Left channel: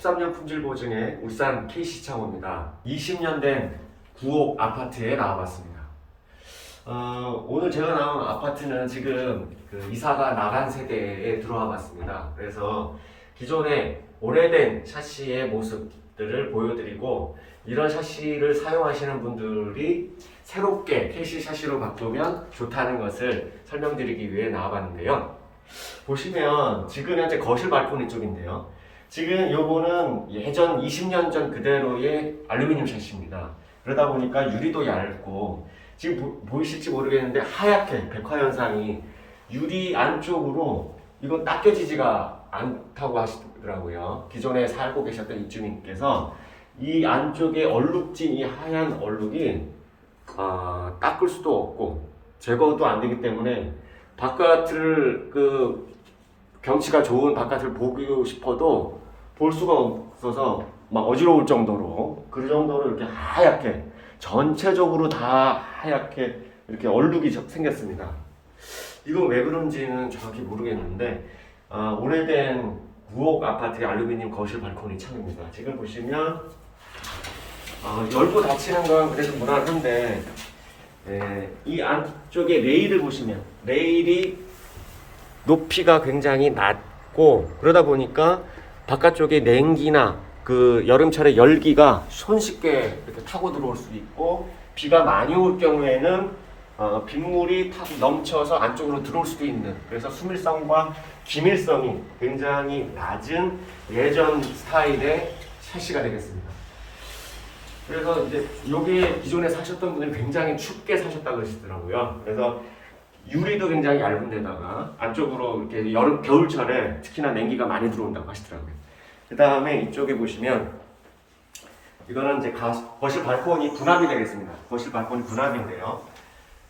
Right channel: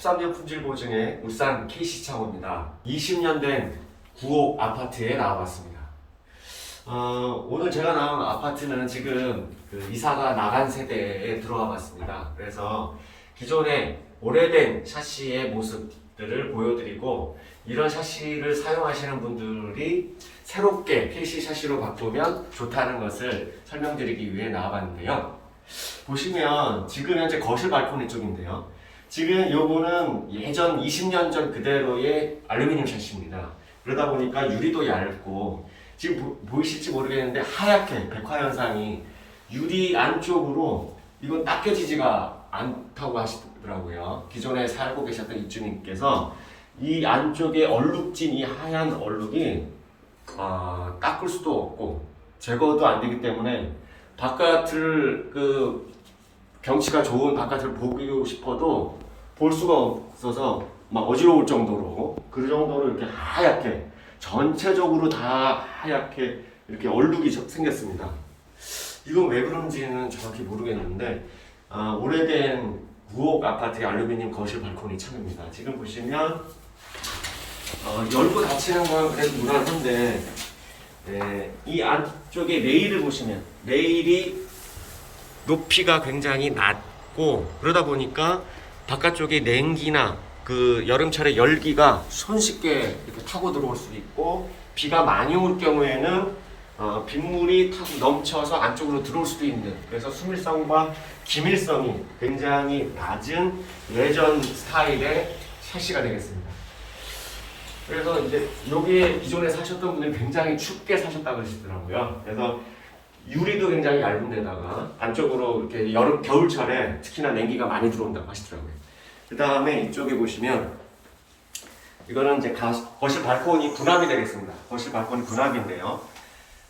13년 품질 보증의 울산 KC창호입니다. 20년 된 9옥 아파트에 나와봤습니다. 어, 오늘 제가 나온 아파트는 지금 그 이사가 나간 세대에 들어와 봤습니다. 그래서 기존의 오래된 샤시의 모습들을 보여드리고 이런 샤시를 사용하시는 분들이 새롭게 KC 샤시로 바꾸면 좋다는 것을 설명드리기 위해 나와봤는데요. 보시면 지금 현재 거실 발코니 쪽인데요. 지금 요거는 예전 20년 전 그대로의 알루미늄 샤시입니다. 그러다 보니까 유리도 얇고 지금 보, 보이실지 모르겠는데 하얗게 백화 현상이 유리 안쪽으로 이거 딱 깨지지가 않다고 하시더라고요. 기존에 살고 계셨던 입주민께서 이 안쪽에 얼룩진 이 하얀 얼룩이 아, 닦을 수도 없고 제거도 안 되기 때문에 바깥을 그 경치가 좋은 바깥을 보고 싶어도 볼 수가 없어서 막 어지러울 정도로 그 정도로 이렇게 하얗게 전체적으로 다 하얗게 이렇게 얼룩이 저- 생겼습니다. 이건 왜 그런지는 정확히 모르겠는데 아, 오래된 9옥 아파트의 알루미늄 거실 발코니 창입니다. 지금 보시면 어, 열고 닫히는 건 그래도 무난한데 에, 이 안쪽에 레일을 보시면 레일이 높이가 굉장히 낮고 그러다 보니까 바깥쪽에 냉기나 그 여름철에 열기가 손쉽게 타고 들어올 수 있고 비가 많이 올 경우에는 어, 빗물이 타고 넘쳐서 안쪽으로 들어올 수도 있는 그래서 수밀성과 기밀성이 굉장히 낮은 예전 스타일의 샤시가 되겠습니다. 그래서 이제 여기에 기존에 사셨던 분들이 굉장히 춥게 사셨다고 그러시더라고요. 그래서 유리도 굉장히 얇은 데다가 안쪽으로 이렇게 여름 겨울철에 특히나 냉기가 많이 들어온다고 하시더라고요. 그 다음에 이쪽에 보시면 이거는 이제 가, 거실 발코니 분합이 되겠습니다. 거실 발코니 분합인데요.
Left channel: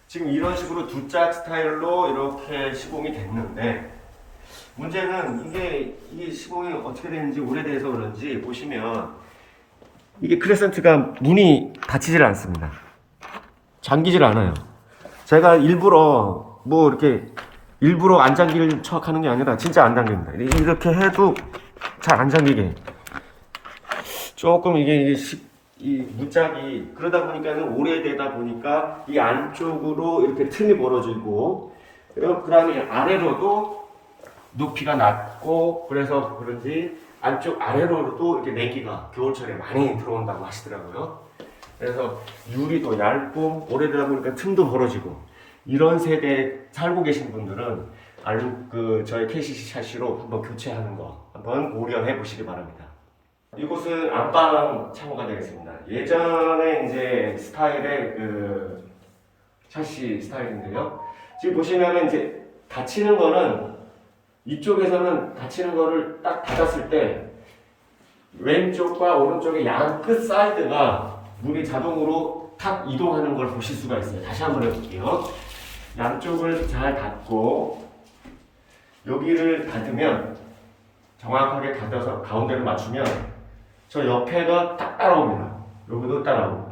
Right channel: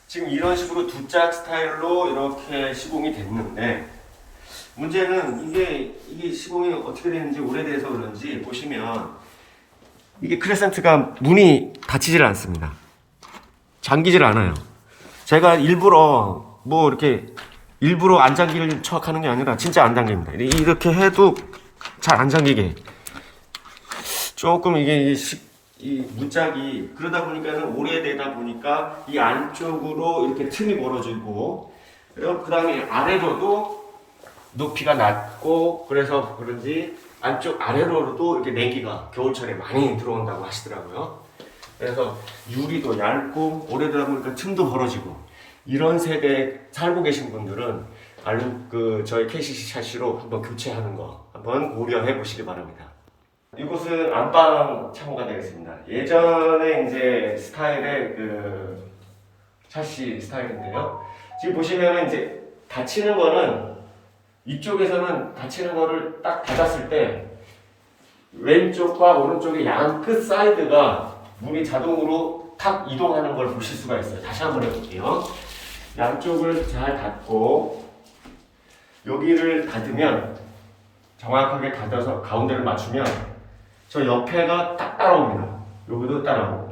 지금 이런 식으로 두 짝 스타일로 이렇게 시공이 됐는데 문제는 이게 이게 시공이 어떻게 되는지 오래돼서 그런지 보시면 이게 크레센트가 문이 닫히질 않습니다. 잠기질 않아요. 제가 일부러 뭐 이렇게 일부러 안 잠길 척하는 게 아니라 진짜 안 잠깁니다. 이렇게 해도 잘 안 잠기게. 조금 이게 이, 시- 이 문짝이 그러다 보니까는 오래되다 보니까 이 안쪽으로 이렇게 틈이 벌어지고 그리고 그 다음에 아래로도 높이가 낮고 그래서 그런지 안쪽 아래로도 이렇게 내기가 겨울철에 많이 들어온다고 하시더라고요. 그래서 유리도 얇고 오래되다 보니까 틈도 벌어지고 이런 세대에 살고 계신 분들은 알그 저희 KCC 샤시로 한번 교체하는 거 한번 고려해 보시기 바랍니다. 이곳은 안방 창호가 되겠습니다. 예전에 이제 스타일의 그 샤시 스타일인데요. 지금 보시면은 이제 닫히는 거는 이쪽에서는 닫히는 거를 딱 닫았을 때 왼쪽과 오른쪽의 양 끝 사이드가 문이 자동으로 탁 이동하는 걸 보실 수가 있어요. 다시 한번 해볼게요. 양쪽을 잘 닫고 여기를 닫으면 정확하게 닫아서 가운데를 맞추면 저 옆에가 딱 따라옵니다. 여기도 따라오고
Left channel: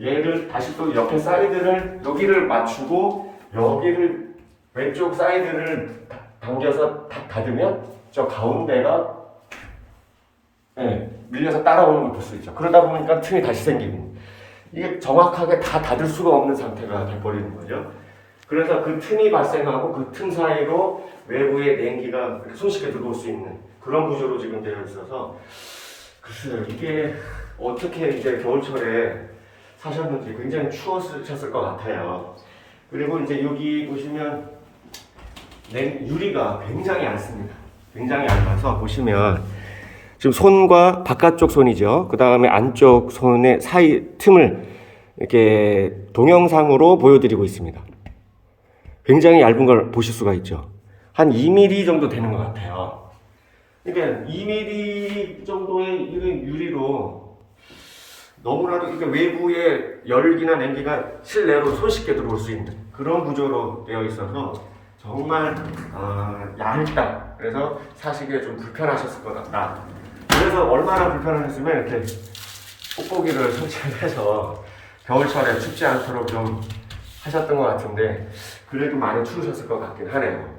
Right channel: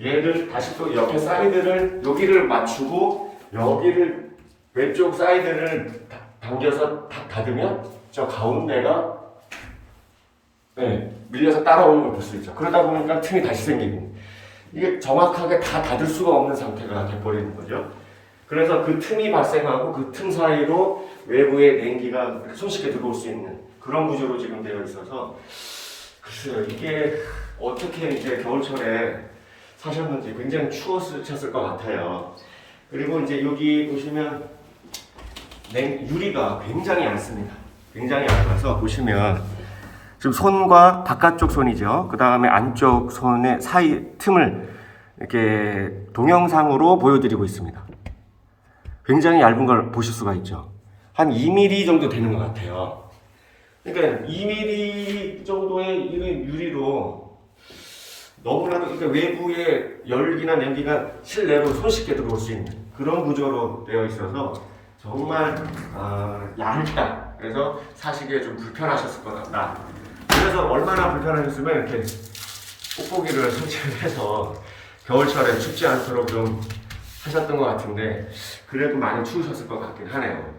얘를 다시 또 옆에 사이드를 여기를 맞추고 여기를 왼쪽 사이드를 다- 당겨서 탁 닫으면 저 가운데가 네, 밀려서 따라오는 걸 볼 수 있죠. 그러다 보니까 틈이 다시 생기고 이게 정확하게 다 닫을 수가 없는 상태가 돼버리는 거죠. 그래서 그 틈이 발생하고 그 틈 사이로 외부의 냉기가 손쉽게 들어올 수 있는 그런 구조로 지금 되어 있어서 글쎄요 이게 어떻게 이제 겨울철에 사셨는지 굉장히 추웠을 것 같아요. 그리고 이제 여기 보시면 냉 유리가 굉장히 얇습니다. 굉장히 얇아서 보시면 지금 손과 바깥쪽 손이죠. 그 다음에 안쪽 손의 사이 틈을 이렇게 동영상으로 보여드리고 있습니다. 굉장히 얇은 걸 보실 수가 있죠. 한 2mm 정도 되는 것 같아요. 그러니까 2mm 정도의 이런 유리로 너무나도 그러니까 외부의 열기나 냉기가 실내로 손쉽게 들어올 수 있는 그런 구조로 되어 있어서 정말 아, 얇다. 그래서 사시기에 좀 불편하셨을 거다. 그래서 얼마나 불편하셨으면 이렇게 뽁뽁이를 설치를 해서 겨울철에 춥지 않도록 좀 하셨던 것 같은데 그래도 많이 추우셨을 것 같긴 하네요.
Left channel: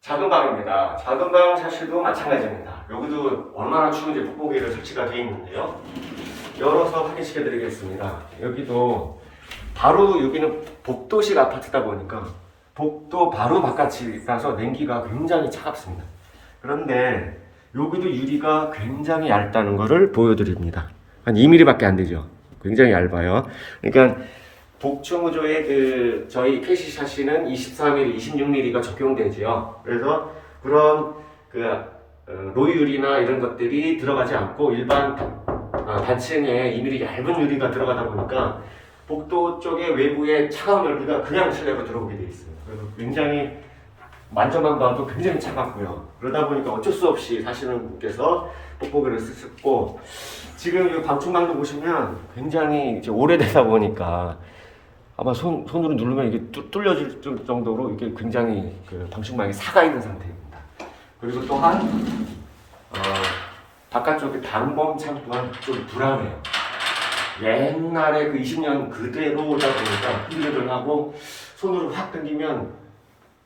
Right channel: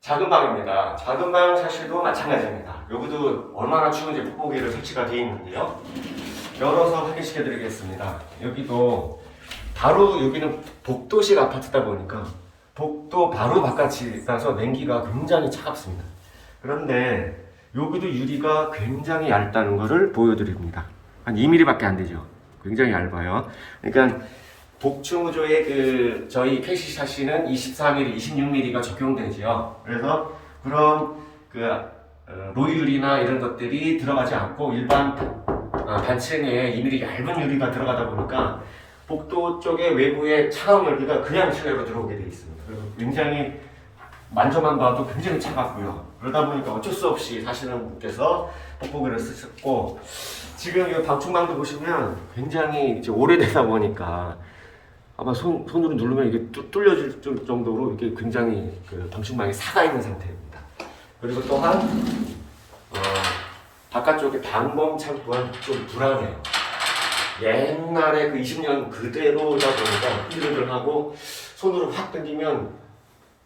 작은 방입니다. 작은 방 샤시도 마찬가지입니다. 여기도 얼마나 추운지 돋보기로 설치가 되어 있는데요. 열어서 확인시켜 드리겠습니다. 여기도 바로 여기는 복도식 아파트다 보니까 복도 바로 바깥이라서 냉기가 굉장히 차갑습니다. 그런데 여기도 유리가 굉장히 얇다는 것을 보여드립니다. 한 2mm밖에 안 되죠. 굉장히 얇아요. 그러니까 복층 구조의 그 저희 캐시 샤시는 24mm, 26mm가 적용되지요. 그래서 그런 그 어, 로유리나 이런 것들이 들어가지 않고 일반 단, 아, 단층에 2mm 얇은 유리가 들어가다 보니까 복도 쪽에 외부에 차가운 열기가 그냥 실내로 들어오게 되어 있습니다. 그리고 굉장히 만져만 봐도 굉장히 차갑고요. 그러다 보니까 어쩔 수 없이 사시는 분께서 뽁뽁이를 쓰셨고 지금 이 방충망도 보시면 굉장히 이제 오래되다 보니까 아마 손, 손으로 누르면 이게 뚫- 뚫려질 정- 정도로 이게 굉장히 그 방충망이 사가 있는 상태입니다. 그리고 또한 어, 바깥쪽에 방범창 또한 좀 불안해요. 옛날에 그 20년 그대로다 보니까 흔들흔들하고 손으로 확 당기면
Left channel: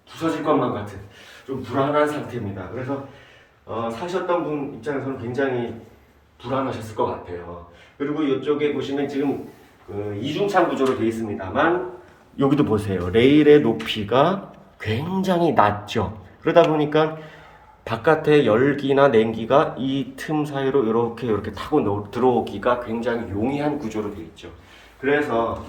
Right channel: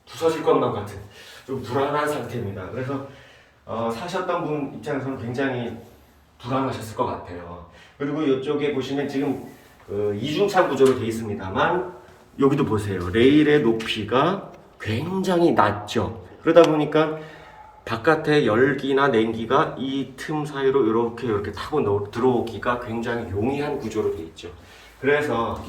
부서질 것만 같은 좀 불안한 상태입니다. 그래서 어, 사셨던 분 입장에서는 굉장히 불안하셨을 것 같아요. 그리고 이쪽에 보시면 지금 그 이중창 구조로 되어 있습니다만 여기도 보세요. 레일의 높이가 굉장히 낮죠. 그러다 보니까 바깥에 열기나 냉기가 이 틈 사이로 이렇게 이렇게 타고 노- 들어오기가 굉장히 용이한 구조로 되어 있죠. 그래서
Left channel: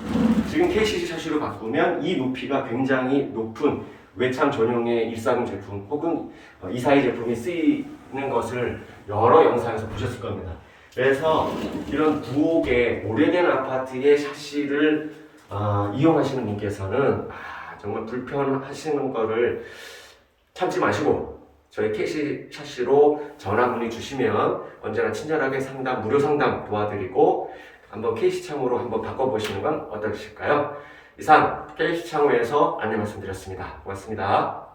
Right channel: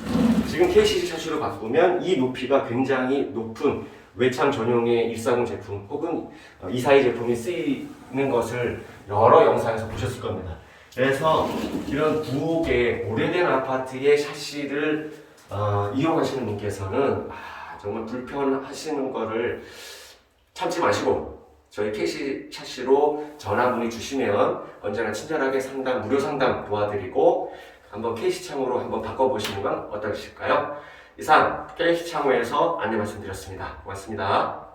지금 KCC 샤시로 바꾸면 이 높이가 굉장히 높은 외창 전용의 140 제품 혹은 242 제품이 쓰이는 것을 여러 영상에서 보셨을 겁니다. 그래서 이런 부엌의 오래된 아파트의 샤시를 어, 이용하시는 분께서는 아, 정말 불편하시는 거를 참지 마시고 저희 캐시 샤시로 전화 문의 주시면 언제나 친절하게 상담 무료 상담 도와드리고 한번 케이시 창으로 한번 바꿔보시는 건 어떠실까요? 이상 케이시 창호에서 안내 말씀드렸습니다. 고맙습니다.